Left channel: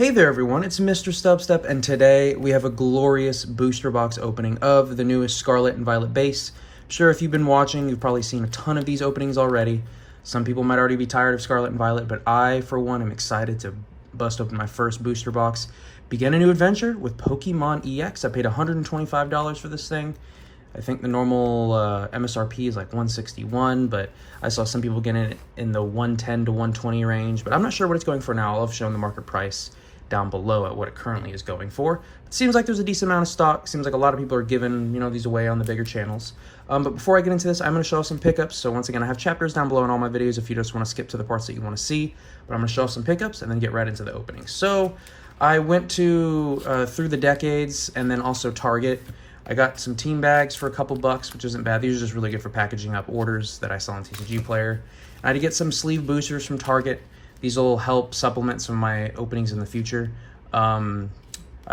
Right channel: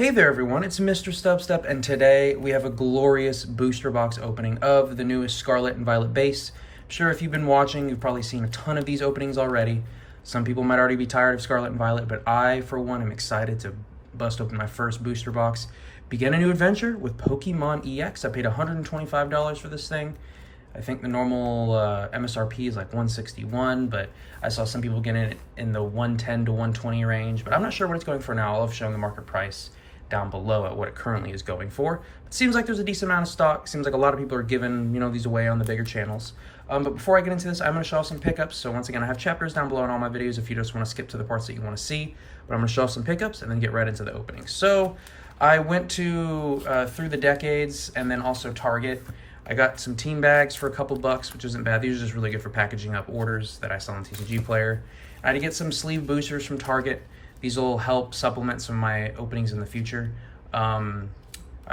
Hey there everyone, it's MisterStubstep, and today we have a glorious booster box opening of the newest Scarlet and Violet base. I'm sure if you've been watching, you've probably seen a ton of these openings already. Some people might already be tired of Scarlet and Violet, but I, for one, am excited to bust open my first booster box. Begin a new adventure with Pokemon EX. I paid $125 for this thing. I think the normal MSRP is like $161, but I saw some people getting it in the $110 to $120 range, but I'm not sure what it's going for now. I'll have shown the market price down below at what it currently is going for. It seems like there's a decent amount of stock. Seems like a lot of people are giving, these away on the bigger channels. But before I get into this, I'm going to show off some pickups. So once again, I have chapters down below in all my videos if you just want to skip to the parts that you want to see. But I'm going to show off some pickups and then get right into the opening. So I went to Through the Decades and then also Target. I got some team bags for a couple bucks, which isn't bad. These are just really good for packaging up orders that I saw on TCG Player. I had to get some sleeve boosters from Target. These will help supplement some of my openings in the future. I'll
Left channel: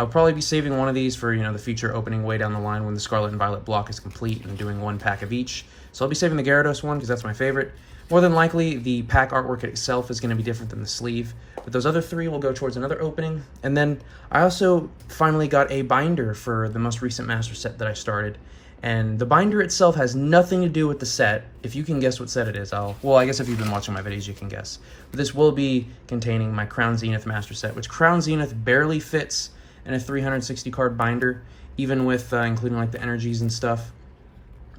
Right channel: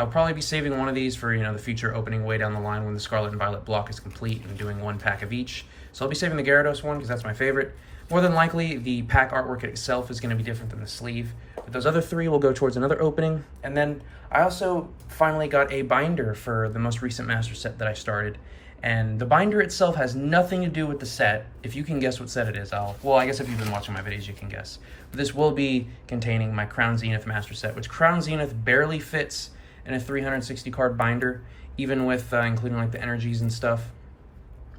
probably be saving one of these for, the future opening way down the line when the Scarlet and Violet block is complete and doing one pack of each. So I'll be saving the Gyarados one because that's my favorite. More than likely, the pack artwork itself is going to be different than the sleeve. But those other three will go towards another opening. And then I also finally got a binder for the most recent master set that I started. And the binder itself has nothing to do with the set. If you can guess what set it is, I guess if you've been watching my videos, you can guess. But this will be containing my Crown Zenith master set, which Crown Zenith barely fits in a 360 card binder, even with including like the energies and stuff.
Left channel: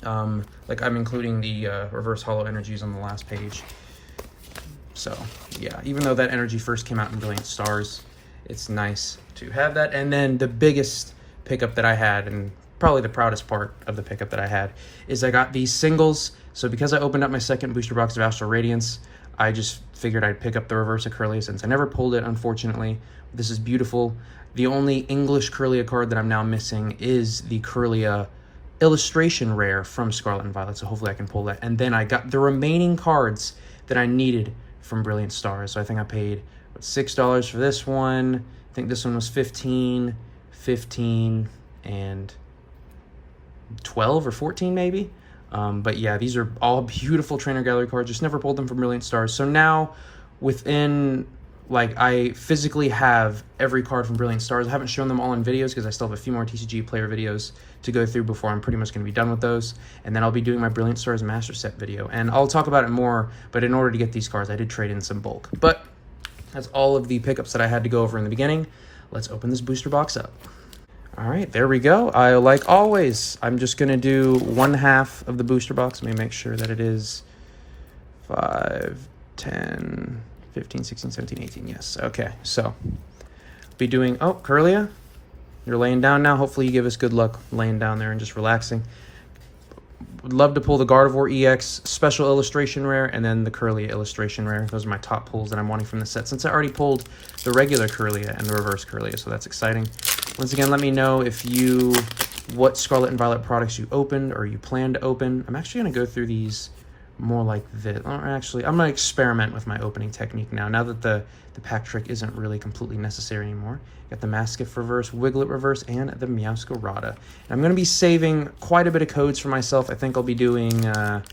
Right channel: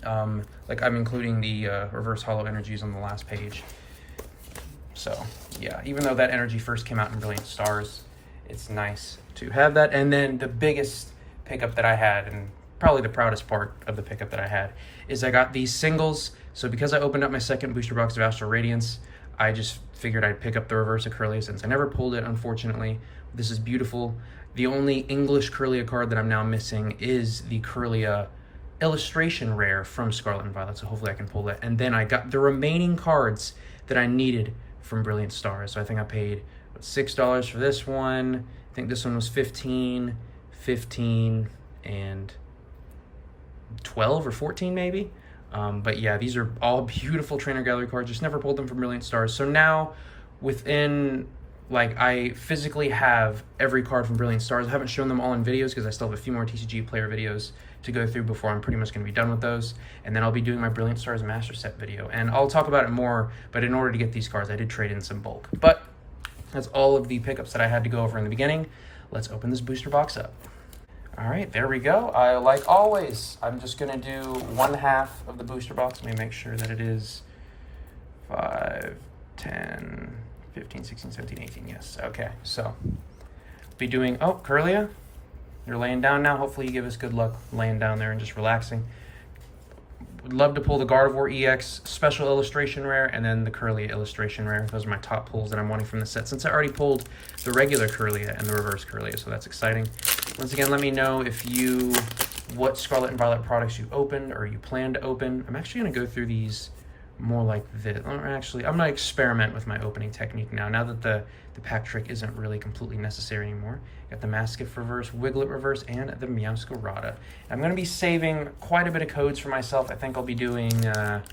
Like I'm including the reverse holo energies on the last page. So yeah, even though that energy first came out in Brilliant Stars, it's nice to have that. And then the biggest pickup that I had, and probably the proudest part of the pickup that I had, is I got these singles. So because I opened up my second booster box of Astral Radiance, I just figured I'd pick up the reverse of Kirlia since I never pulled it, unfortunately. This is beautiful. The only English Kirlia card that I'm now missing is the Kirlia illustration rare from Scarlet and Violet, so hopefully I can pull that. And then I got the remaining cards that I needed from Brilliant Stars. So I think I paid $6 for this one. I think this one was $15, and 12 or 14 maybe. But yeah, these are all beautiful trainer gallery cards. Just never pulled them from Brilliant Stars. So now I physically have every card from Brilliant Stars. I haven't shown them all in videos because I still have a few more TCG Player videos to go through before I'm pretty much going to be done with those. And then I'll be doing my Brilliant Stars Master Set video. And I'll talk about it more, but in order to get these cards, I did trade in some bulk. But that's all of the pickups that I had to go over in the beginning. Let's open this booster box up. All right, there we go. Like always, I'm just going to do one half of the booster box. Let me make sure that it is 5, 10, 15, 16, 17, 18. Yes. Okay. So be doing, Kirlia, you're laying down now. Hopefully you give us good luck laying down there and just relaxing. Would love to pull the Gardevoir EX special illustration rare and then the Kirlia illustration rare. Those are my top pulls that I'm wanting from the set since I already pulled the regular Kirlia and the reverse Kirlia, so that's exciting. Once again, let me know what Scarlet and Violet products you opened or you plan to open. I'm actually going to go through these more like this. Actually, I'm going to experiment with my opening technique now that the pack trick isn't really completely necessary anymore. Got the Mastiff reverse, Wiglet reverse, and the Meowscarada. And I'm going to be saving quite a bit of codes for myself. I think I'll be doing, I'm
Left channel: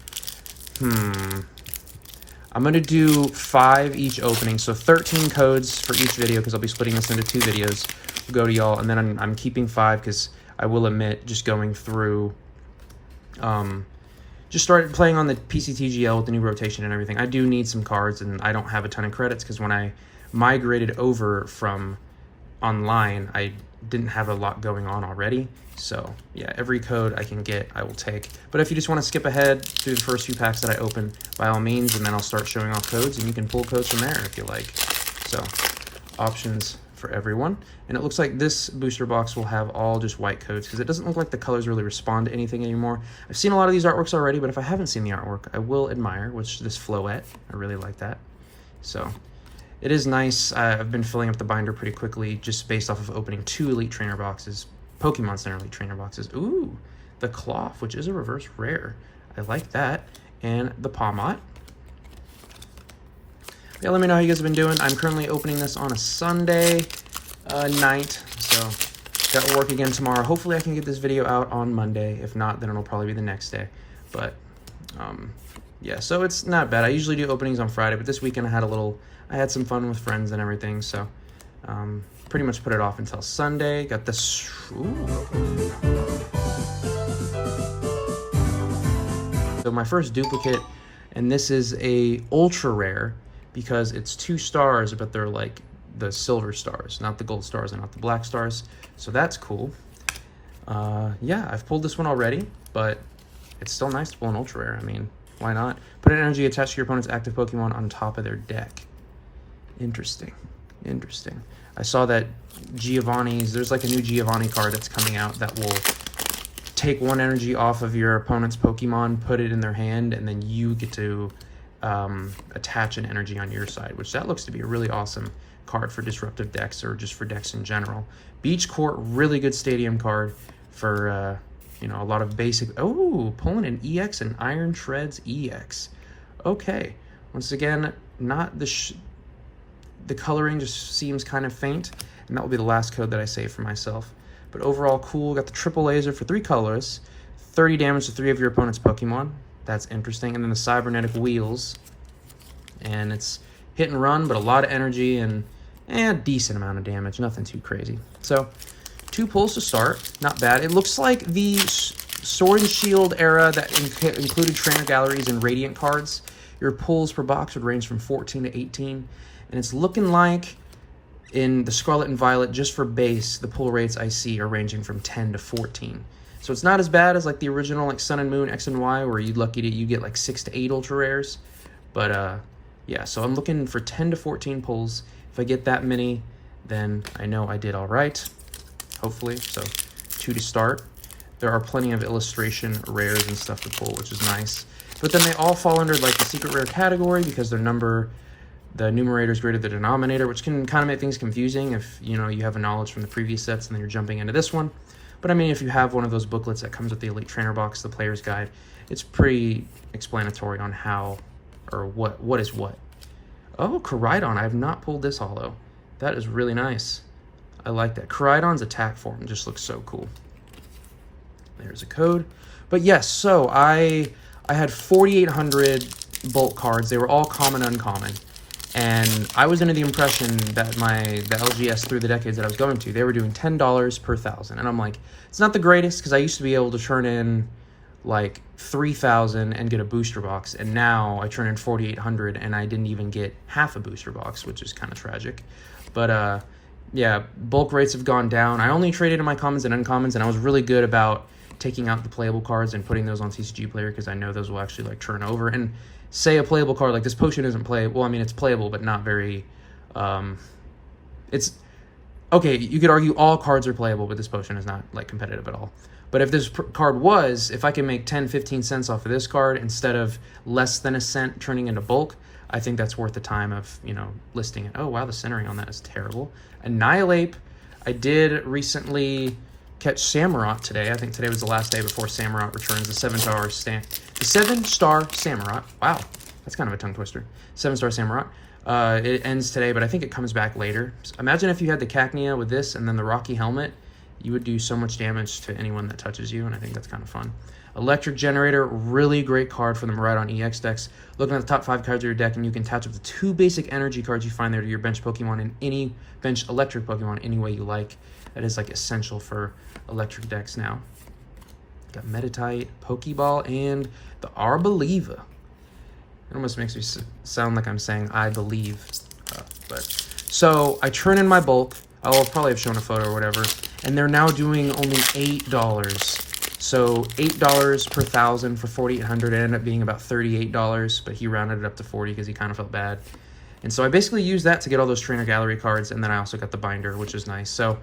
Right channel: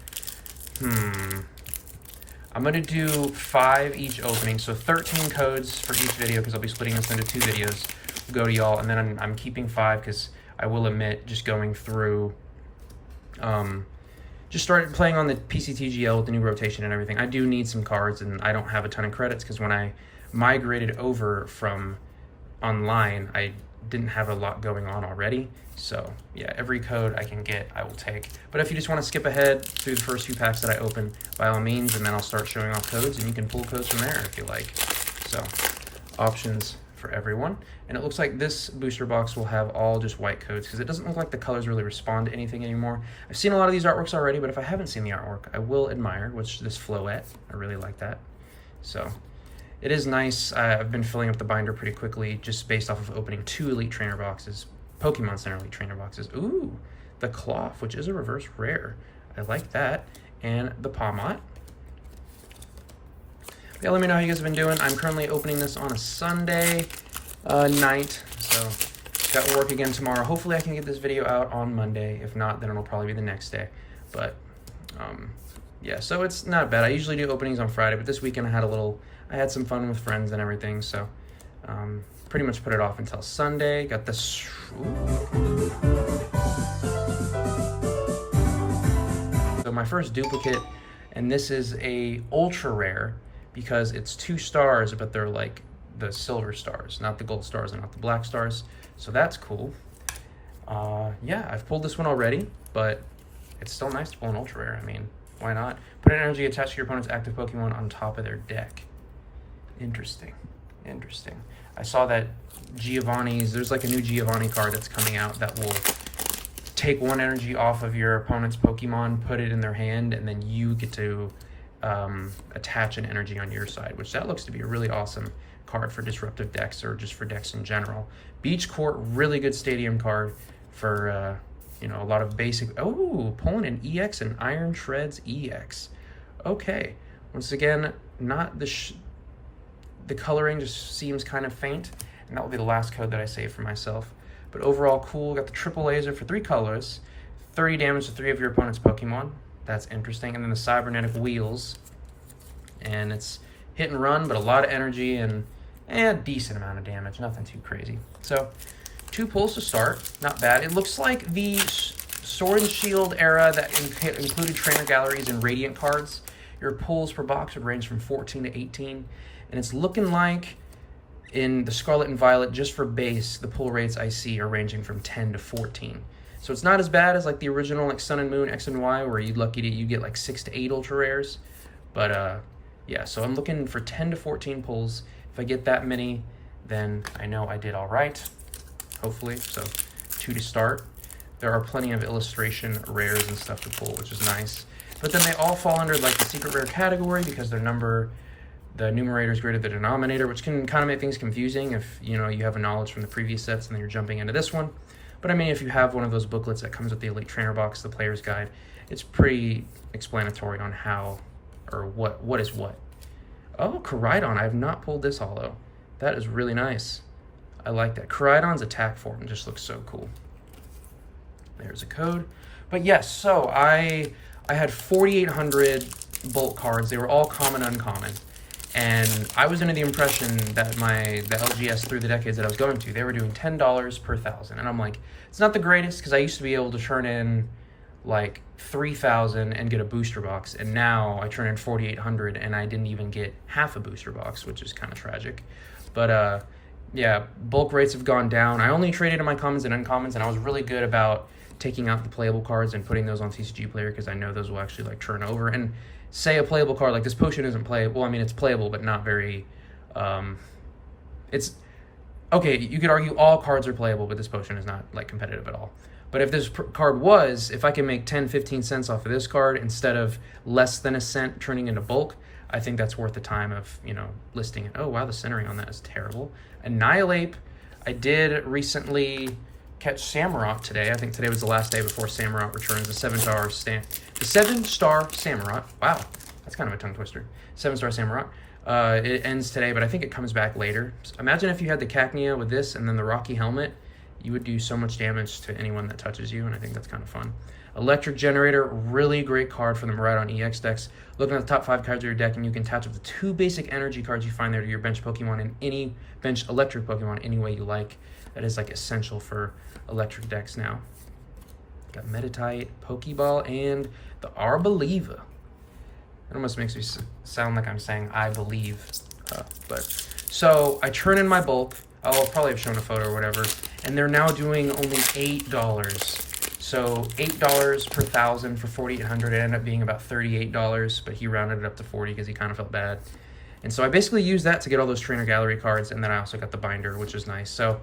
going to do 5 each opening, so 13 codes for each video because I'll be splitting this into 2 videos. We'll go to y'all, and then I'm keeping 5 because I will admit, just going through, just started playing on the PCTGL with the new rotation and everything. I do need some cards, and I don't have a ton of credits because when I migrated over from online, I didn't have a lot going on already. So yeah, every code I can get, I will take. But if you just want to skip ahead through the first few packs that I open, by all means, and then I'll start showing off codes, and you can pull codes from there if you like. So options for everyone. And it looks like this booster box will have all just white codes because it doesn't look like the colors really respond to anything anymore. I've seen a lot of these artworks already, but if I haven't seen the artwork, I will admire, which this Floette, I really like that. So it is nice. I've been filling up the binder pretty quickly just based off of opening 2 Elite Trainer boxes, Pokemon Center Elite Trainer boxes. Ooh, the Cloth, which is a reverse rare. I like that. And the Palmot. Yeah, let me know how you guys have been doing. I'm currently opening this on a Sunday night, so got to work again tomorrow. Hopefully I can get this video out on Monday. If not, then it'll probably be the next day. But yeah, so it's not bad. I usually do openings on Friday, but this weekend I had some fun with friends and everything, so Pretty much put it off until Sunday. Got this. So my first duplicate, and this is a ultra rare because it's 2 stars, but they're like the silver stars, not the gold stars and not the black stars. So that's cool. Yeah, I've pulled this one already, but it's still nice to pull an ultra rare. I mean, why not? Put an energy attached to your opponent's active Pokemon on top of their deck. Interesting. Interesting. I saw that there's like a new Giovanni card that's coming out that will take 1 energy off of your opponent's Pokemon, put it in their hand, and then you get to attach an energy on your side, which that looks to be a really awesome card for disruptive decks or just for decks in general. Beach Court, really good stadium card for, you know, a lot of basic... Oh, pulling an EX and Iron Shreds EX. Okay. Once again, not the coloring just seems kind of faint, and that will be the last code that I save for myself. But overall, cool. Got the triple laser for 3 colors, 30 damage to 3 of your opponent's Pokemon. That's interesting. And then the cybernetic wheels, and it's hit and run, but a lot of energy and a decent amount of damage. Nothing too crazy. So 2 pulls to start. Not bad. It looks like the Sword and Shield era that included trainer galleries and Radiant cards. Your pulls per box would range from 14 to 18. And it's looking like in the Scarlet and Violet, just for base, the pull rates I see are ranging from 10 to 14. So it's not as bad as like the original like Sun and Moon, X and Y, where you'd lucky to you get like 6 to 8 ultra rares. But yeah, so I'm looking for 10 to 14 pulls. If I get that many, then I know I did all right, hopefully. So 2 to start. There are plenty of illustration rares and stuff to pull, which is nice. But then they all fall under like the secret rare category because the numerator is greater than the denominator, which can kind of make things confusing if, you know, you have a knowledge from the previous sets and then you're jumping into this one. But I mean, if you have one of those booklets that comes with the Elite Trainer box, the Player's Guide, it's pretty explanatory on how or what is what. Oh, Koraidon. I have not pulled this holo. That is really nice. I like that. Koraidon's attack form just looks so cool. There's a code. But yes, so I had 4,800 bulk cards. They were all common, uncommon. And I was under the impression that the LGS through the decades that I was going to, they were doing $10 per 1,000. And I'm like, it's not the greatest because I used to be able to turn in like 3,000 and get a booster box. And now I turn in 4,800 and I didn't even get half a booster box, which is kind of tragic. But yeah, bulk rates have gone down. I only traded in my commons and uncommons, and I was really good about taking out the playable cards and putting those on TCG Player because I know those will actually like turn over. And say a playable card like this potion isn't playable. Well, I mean, it's playable, but not very, it's, okay, you could argue all cards are playable, but this potion is not like competitive at all. But if this card was, if I can make 10, 15 cents off of this card instead of less than a cent turning into bulk, I think that's worth the time of, you know, listing it. Oh, wow, the centering on that is terrible. Annihilate, I did recently catch Samurott today. I think today was the last day before Samurott returns. The 7-star Samurott. Wow, that's kind of a tongue twister. 7-star Samurott. It ends today, but I think it comes back later. So imagine if you had the Cacnea with this and then the Rocky Helmet. You would do so much damage to anyone that touches you, and I think that's kind of fun. Electric Generator, really great card for the Miraidon EX decks. Looking at the top 5 cards of your deck, and you can attach up to 2 basic energy cards you find there to your bench Pokemon and any bench electric Pokemon any way you like. That is like essential for electric decks now. Got Meditite, Pokeball, and the Arboliva. It almost makes me sound like I'm saying I believe. But so I turn in my bulk. I'll probably have shown a photo or whatever. And they're now doing only $8. So $8 per 1,000 for 4,800. It ended up being about $38, but he rounded it up to 40 because he kind of felt bad. And so I basically used that to get all those trainer gallery cards, and then I also got the binder, which is nice. So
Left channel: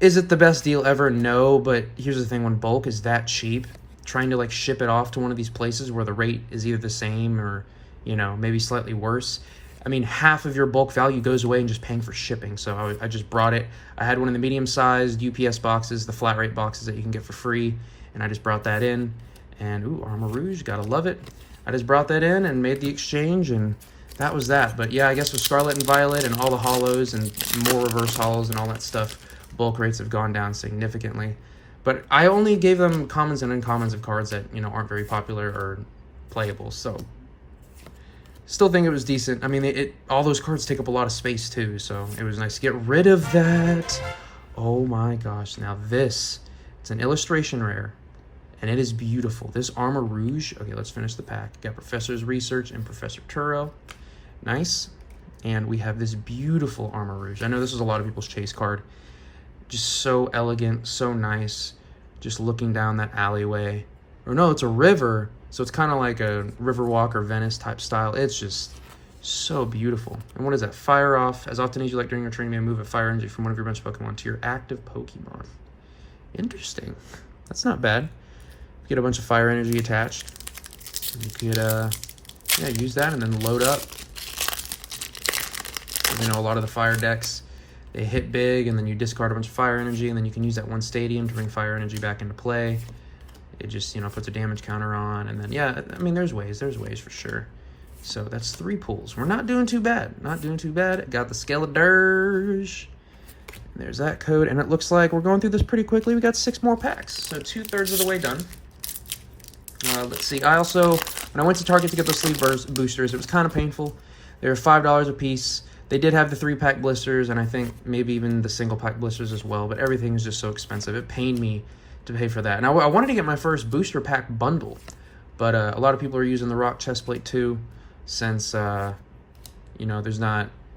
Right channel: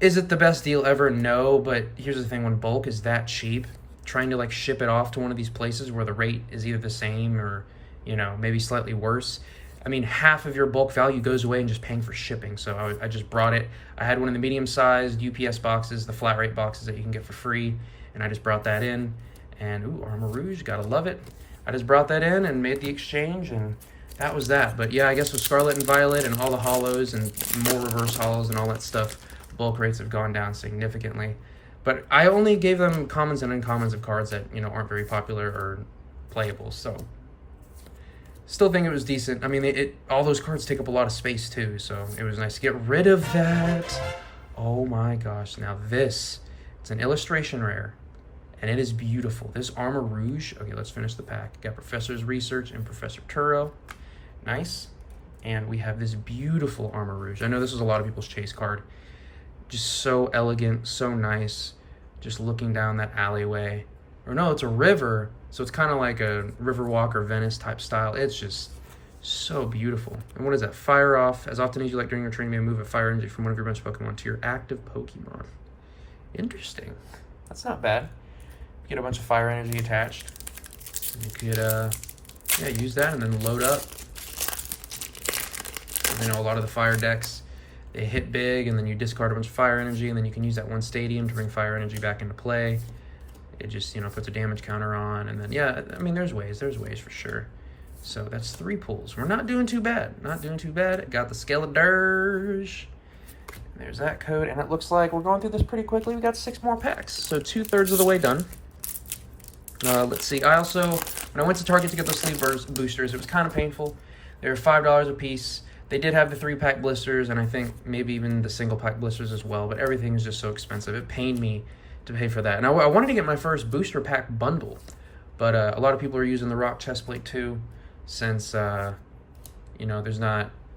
is it the best deal ever? No, but here's the thing, when bulk is that cheap, trying to like ship it off to one of these places where the rate is either the same or, you know, maybe slightly worse, I mean, half of your bulk value goes away in just paying for shipping. So I just brought it. I had one of the medium-sized UPS boxes, the flat rate boxes that you can get for free, and I just brought that in. And, ooh, Armor Rouge, gotta love it. I just brought that in and made the exchange, and that was that. But yeah, I guess with Scarlet and Violet and all the holos and more reverse holos and all that stuff, bulk rates have gone down significantly. But I only gave them commons and uncommons of cards that, you know, aren't very popular or playable. So Still think it was decent. I mean, all those cards take up a lot of space too, so it was nice to get rid of that. Oh my gosh. Now this, it's an illustration rare, and it is beautiful. This Armor Rouge. Okay, let's finish the pack. Got Professor's Research and Professor Turo. Nice. And we have this beautiful Armor Rouge. I know this is a lot of people's chase card. Just so elegant, so nice. Just looking down that alleyway. Or no, it's a river. So it's kind of like a Riverwalk or Venice type style. It's just so beautiful. And what is that? Fire off. As often as you like during your training, you may move a fire energy from one of your bench Pokemon to your active Pokemon. Interesting. That's not bad. Get a bunch of fire energy attached. You could, yeah, use that and then load up. You know, a lot of the fire decks, they hit big and then you discard a bunch of fire energy and then you can use that one stadium to bring fire energy back into play. It just, you know, puts a damage counter on, and then, yeah, I mean, there's ways for sure. So that's 3 pulls. We're not doing too bad. Not doing too bad. Got the Scarlet. There's that code, and it looks like we're going through this pretty quickly. We got 6 more packs, so 2/3 of the way done. Let's see. I also, when I went to Target to get those sleeve boosters, it was kind of painful. They were $5 a piece. They did have the 3-pack blisters, and I think maybe even the single-pack blisters as well, but everything is just so expensive. It pained me to pay for that. And I wanted to get my first booster pack bundle, but a lot of people are using the Rock Chestplate too, since you know,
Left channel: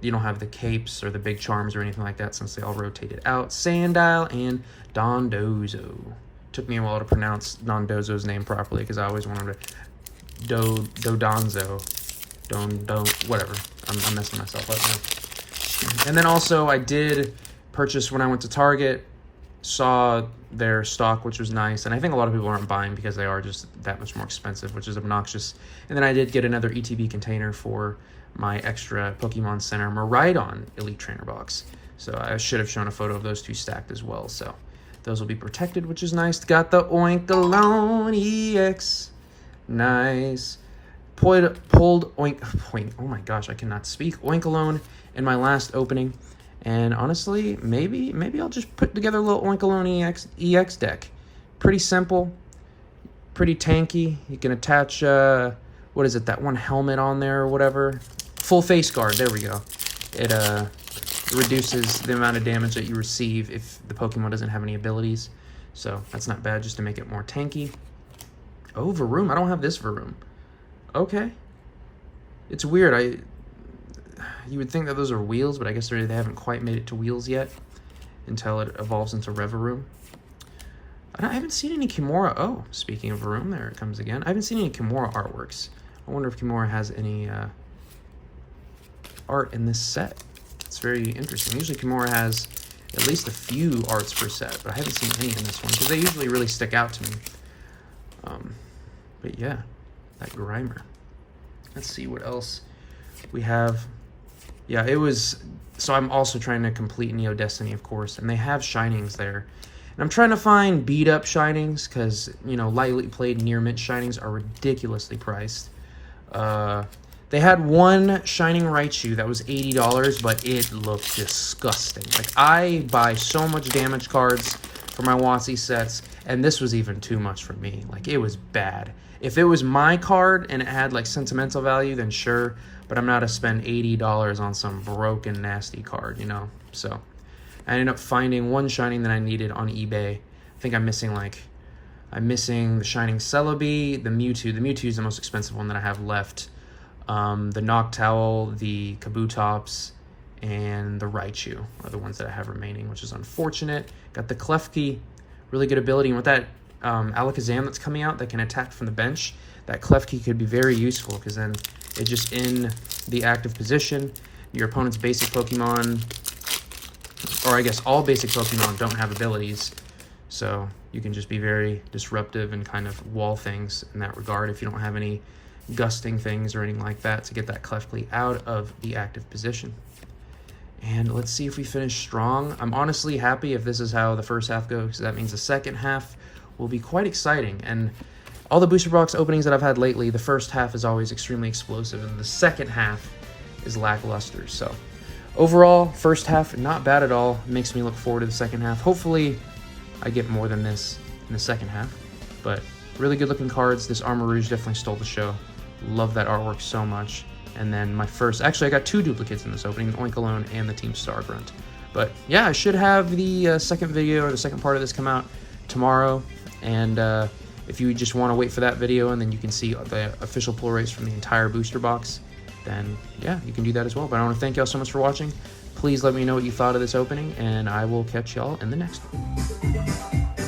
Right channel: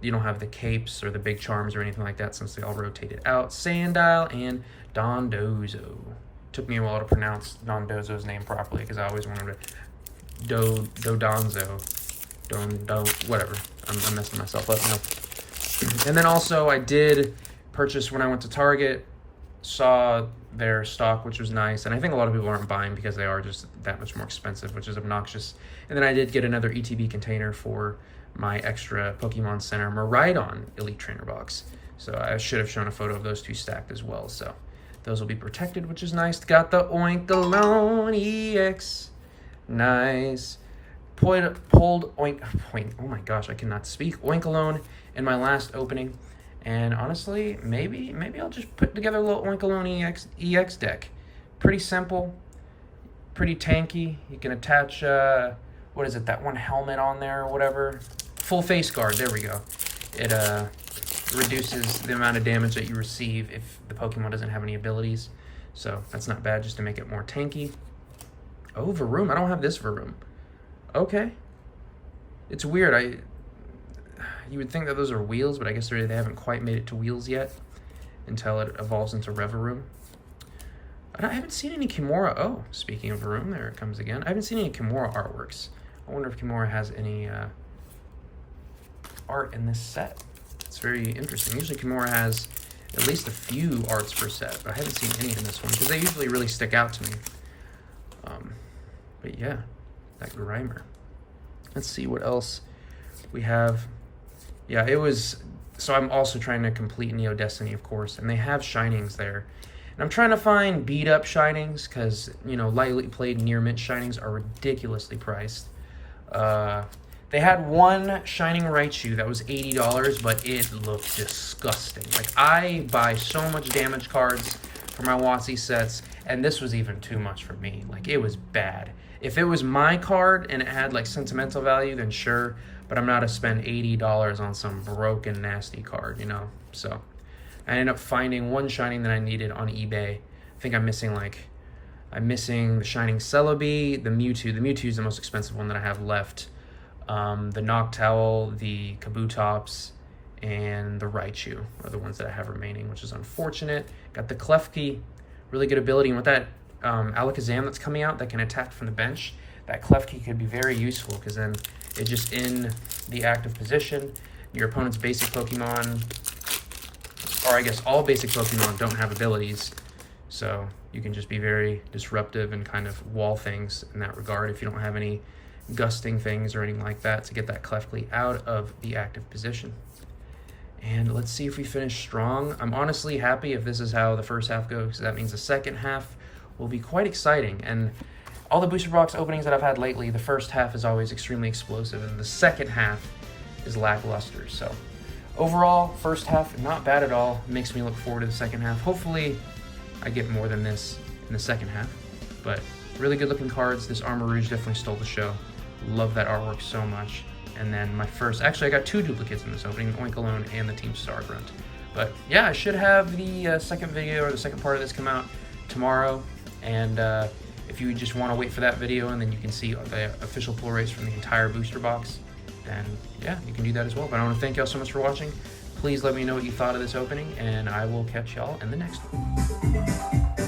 you don't have the capes or the big charms or anything like that, since they all rotated out. Sandile and Dondozo. Took me a while to pronounce Dondozo's name properly because I always wanted to Dodonzo, whatever. I'm messing myself up now. And then also I did purchase when I went to Target. Saw their stock, which was nice, and I think a lot of people aren't buying because they are just that much more expensive, which is obnoxious. And then I did get another ETB container for my extra Pokemon Center Miraidon Elite Trainer box. So I should have shown a photo of those 2 stacked as well. So those will be protected, which is nice. Got the Oinkalone EX. Nice. Pulled Oink. Oh my gosh, I cannot speak. Oinkalone in my last opening. And honestly, maybe I'll just put together a little Oinkalone EX deck. Pretty simple, pretty tanky. You can attach, what is it, that one helmet on there or whatever? Full face guard, there we go. It reduces the amount of damage that you receive if the Pokemon doesn't have any abilities. So that's not bad, just to make it more tanky. Oh, Varoom, I don't have this Varoom. Okay. It's weird, you would think that those are wheels, but I guess they haven't quite made it to wheels yet until it evolves into Revaroom. I haven't seen any Kimura. Oh, speaking of Varoom, there it comes again. I haven't seen any Kimura artworks. I wonder if Kimura has any art in this set. It's very interesting. Usually Kimura has at least a few arts per set, but I haven't seen any in this one because they usually really stick out to me. But yeah, that Grimer. Let's see what else we have. Yeah, it was, so I'm also trying to complete Neo Destiny, of course, and they have Shinings there. And I'm trying to find beat-up Shinings, because, you know, lightly played near mint Shinings are ridiculously priced. They had one Shining Raichu that was $80, but it looked disgusting. Like, I buy so much damage cards for my WotC sets, and this was even too much for me. Like, it was bad. If it was my card and it had, like, sentimental value, then sure. But I'm not to spend $80 on some broken, nasty card, you know? So I ended up finding one Shining that I needed on eBay. I think I'm missing the Shining Celebi, the Mewtwo. The Mewtwo is the most expensive one that I have left. The Noctowl, the Kabutops, and the Raichu are the ones that I have remaining, which is unfortunate. Got the Klefki, really good ability. And with that Alakazam that's coming out that can attack from the bench, that Klefki could be very useful because then it's just in the active position. Your opponent's basic Pokemon, or I guess all basic Pokemon don't have abilities, so you can just be very disruptive and kind of wall things in that regard if you don't have any gusting things or anything like that to get that Klefki out of the active position. And let's see if we finish strong. I'm honestly happy if this is how the first half goes, because that means the second half will be quite exciting. And all the booster box openings that I've had lately, the first half is always extremely explosive, and the second half is lackluster. So overall, first half, not bad at all. Makes me look forward to the second half. Hopefully, I get more than this in the second half. But really good looking cards. This Armor Rouge definitely stole the show. Love that artwork so much. And then my first, actually I got 2 duplicates in this opening, the Oink Alone and the Team Star Grunt. But yeah, I should have the second video, or the second part of this, come out tomorrow. And if you just want to wait for that video and then you can see the official pull rates from the entire booster box, then yeah, you can do that as well. But I want to thank y'all so much for watching. Please let me know what you thought of this opening, and I will catch y'all in the next one.